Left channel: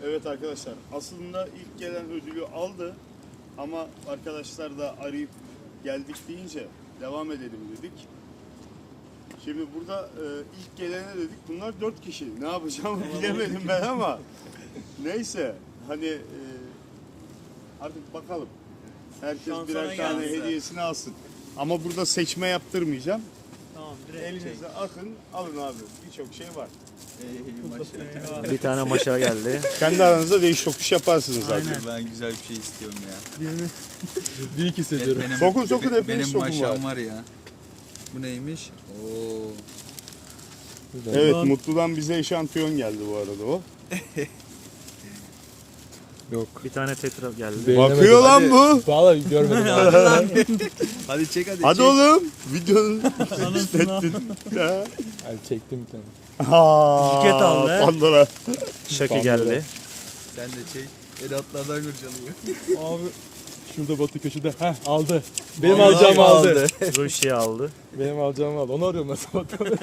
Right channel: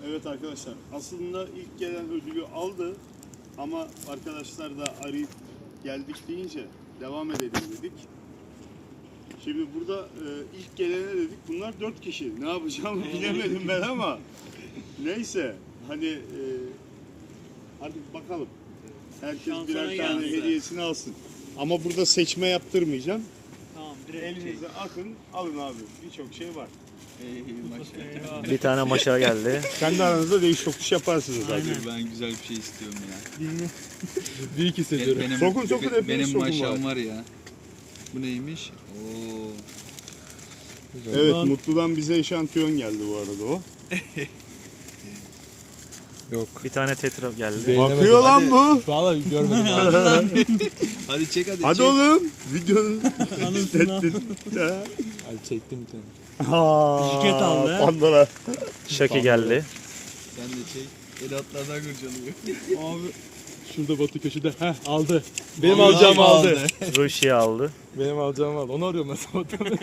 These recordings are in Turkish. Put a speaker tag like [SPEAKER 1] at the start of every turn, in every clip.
[SPEAKER 1] Evet arkadaşlar, aslında ilk gelen ödülü aldı ama arkadaşlar da arayıp geldik deyince devam edelim dedik. Şimdi burada ilk gelene dedik, bunlar 4 kişi. Ne yapacağımı bilemedim ben ama neyse hani artık bakalım. Herkes
[SPEAKER 2] Şansına
[SPEAKER 1] birer tane
[SPEAKER 2] gelsin.
[SPEAKER 1] hediyesini alsın. Ama burada seçme yaptırmayacağım.
[SPEAKER 2] Tamam, direkt
[SPEAKER 1] Elinize atın, alın abi. Birçok şey var.
[SPEAKER 3] Bir tane maşa geldi.
[SPEAKER 1] Kendi aranızda değiş tokuş yaparsınız zaten.
[SPEAKER 2] Aynen.
[SPEAKER 4] Ben güzel bir şey istiyorum ya.
[SPEAKER 2] Ciddi hissediyorum.
[SPEAKER 1] Sokun, hepiniz
[SPEAKER 4] Benim
[SPEAKER 1] sokun
[SPEAKER 4] maşam
[SPEAKER 1] var.
[SPEAKER 4] var ya. Bu neymiş? Oo.
[SPEAKER 1] Evet, Mutlu'dan bize eşantiyon geldi bu arada o.
[SPEAKER 3] Bir tane tetra geldi.
[SPEAKER 1] Bakıyor lan bu.
[SPEAKER 2] Vallahi görmedim.
[SPEAKER 4] Hadi çek hadi.
[SPEAKER 1] Hadi
[SPEAKER 4] çek.
[SPEAKER 1] oğlum. Videonun istettin.
[SPEAKER 2] Hadi çektim bir tane.
[SPEAKER 1] Şirket
[SPEAKER 2] aldı.
[SPEAKER 1] Pandora.
[SPEAKER 3] Şaki geldi.
[SPEAKER 4] Sen de çek. El atlardan kurcalıyor.
[SPEAKER 2] Abi şurada Batı köşede. Heh, aldı. Benim alacağımı aldı.
[SPEAKER 3] Rusya aldı.
[SPEAKER 2] Benim alacağımı aldı. Onu arıyorum ben sabahtan.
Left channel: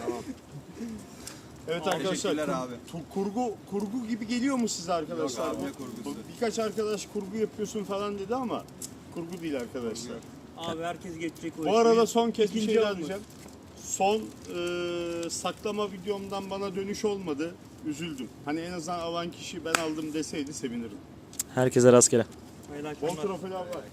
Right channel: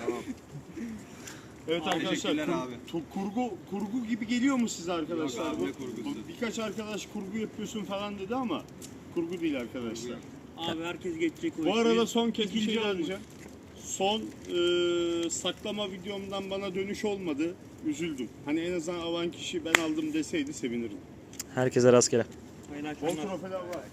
[SPEAKER 1] Evet arkadaşlar,
[SPEAKER 4] Teşekkürler abi.
[SPEAKER 1] kurgu gibi geliyor mu size arkadaşlar?
[SPEAKER 4] Yok abi,
[SPEAKER 1] Bu-
[SPEAKER 4] ne kurgusu?
[SPEAKER 1] bu Birkaç arkadaş kurgu yapıyorsun falan dedi ama kurgu değil arkadaşlar.
[SPEAKER 5] Abi herkes geçecek o
[SPEAKER 1] Bu
[SPEAKER 5] işi.
[SPEAKER 1] arada son kez bir
[SPEAKER 5] İkinci
[SPEAKER 1] şey daha
[SPEAKER 5] olmuş.
[SPEAKER 1] diyeceğim. Son saklama videomdan bana dönüş olmadı. Üzüldüm. Hani en azından alan kişi ben aldım deseydi sevinirim.
[SPEAKER 3] Herkese rastgele.
[SPEAKER 5] Hayırlı
[SPEAKER 1] Bol
[SPEAKER 5] akşamlar.
[SPEAKER 1] trofeler var.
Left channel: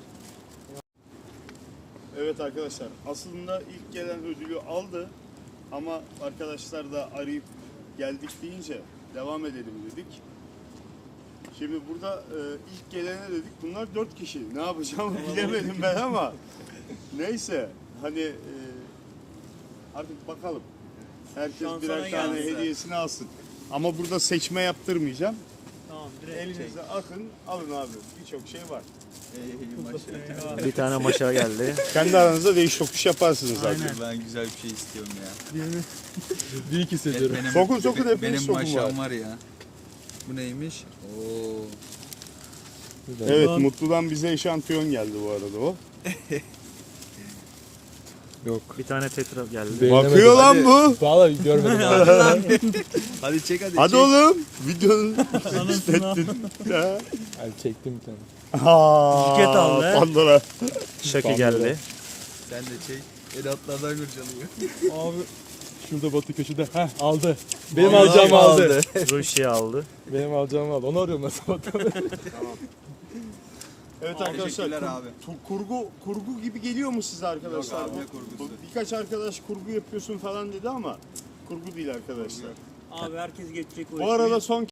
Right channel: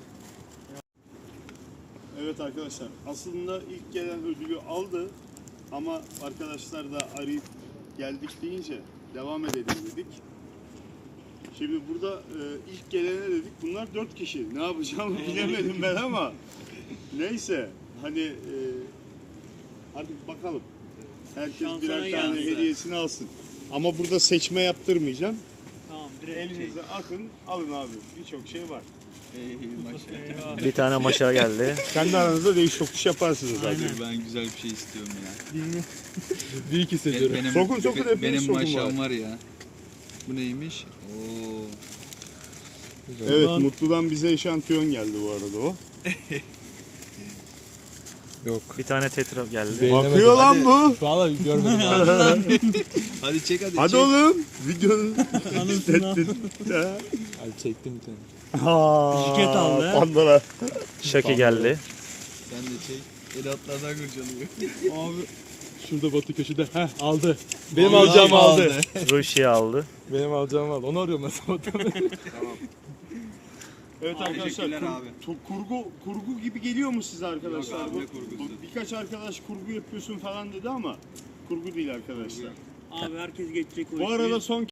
[SPEAKER 1] Evet arkadaşlar, aslında ilk gelen ödülü aldı ama arkadaşlar da arayıp geldik deyince devam edelim dedik. Şimdi burada ilk gelene dedik, bunlar 4 kişi. Ne yapacağımı bilemedim ben ama neyse hani artık bakalım. Herkes
[SPEAKER 5] Şansına
[SPEAKER 1] birer tane
[SPEAKER 5] gelsin.
[SPEAKER 1] hediyesini alsın. Ama burada seçme yaptırmayacağım.
[SPEAKER 5] Tamam, direkt
[SPEAKER 1] Elinize atın, alın abi. Birçok şey var.
[SPEAKER 4] Maşallah.
[SPEAKER 3] Bir tane maşa geldi.
[SPEAKER 1] Kendi aranızda değiş tokuş yaparsınız zaten.
[SPEAKER 4] Ben güzel bir şey istiyorum ya.
[SPEAKER 2] Ciddi hissediyorum.
[SPEAKER 4] Benim,
[SPEAKER 1] Sokun, hepiniz
[SPEAKER 4] Benim
[SPEAKER 1] sokun
[SPEAKER 4] maşam var ya. Bu neymiş? Oo.
[SPEAKER 1] Evet, Mutlu'dan bize eşantiyon geldi bu arada o.
[SPEAKER 3] Bir tane tetra geldi.
[SPEAKER 1] Bakıyor lan bu.
[SPEAKER 2] Vallahi görmedim.
[SPEAKER 4] Hadi çek hadi.
[SPEAKER 1] Hadi
[SPEAKER 4] çek.
[SPEAKER 1] oğlum. Videonun istettin.
[SPEAKER 2] Hadi çektim bir tane.
[SPEAKER 1] Şirket
[SPEAKER 5] aldı.
[SPEAKER 1] Pandora.
[SPEAKER 3] Şaki geldi.
[SPEAKER 4] Sen de çek. El atlardan kurcalıyor.
[SPEAKER 2] Abi şurada Batı köşede. Heh, aldı. Benim alacağımı aldı.
[SPEAKER 3] Rusya aldı.
[SPEAKER 2] Benim alacağımı aldı. Onu arıyorum ben sabahtan.
[SPEAKER 1] Evet arkadaşlar,
[SPEAKER 4] Teşekkürler abi.
[SPEAKER 1] kurgu gibi geliyor mu size arkadaşlar?
[SPEAKER 4] Yok abi,
[SPEAKER 1] Bu-
[SPEAKER 4] ne kurgusu?
[SPEAKER 1] bu Birkaç arkadaş kurgu yapıyorsun falan dedi ama kurgu değil arkadaşlar.
[SPEAKER 5] Abi herkes geçecek o işi.
[SPEAKER 1] Bu arada son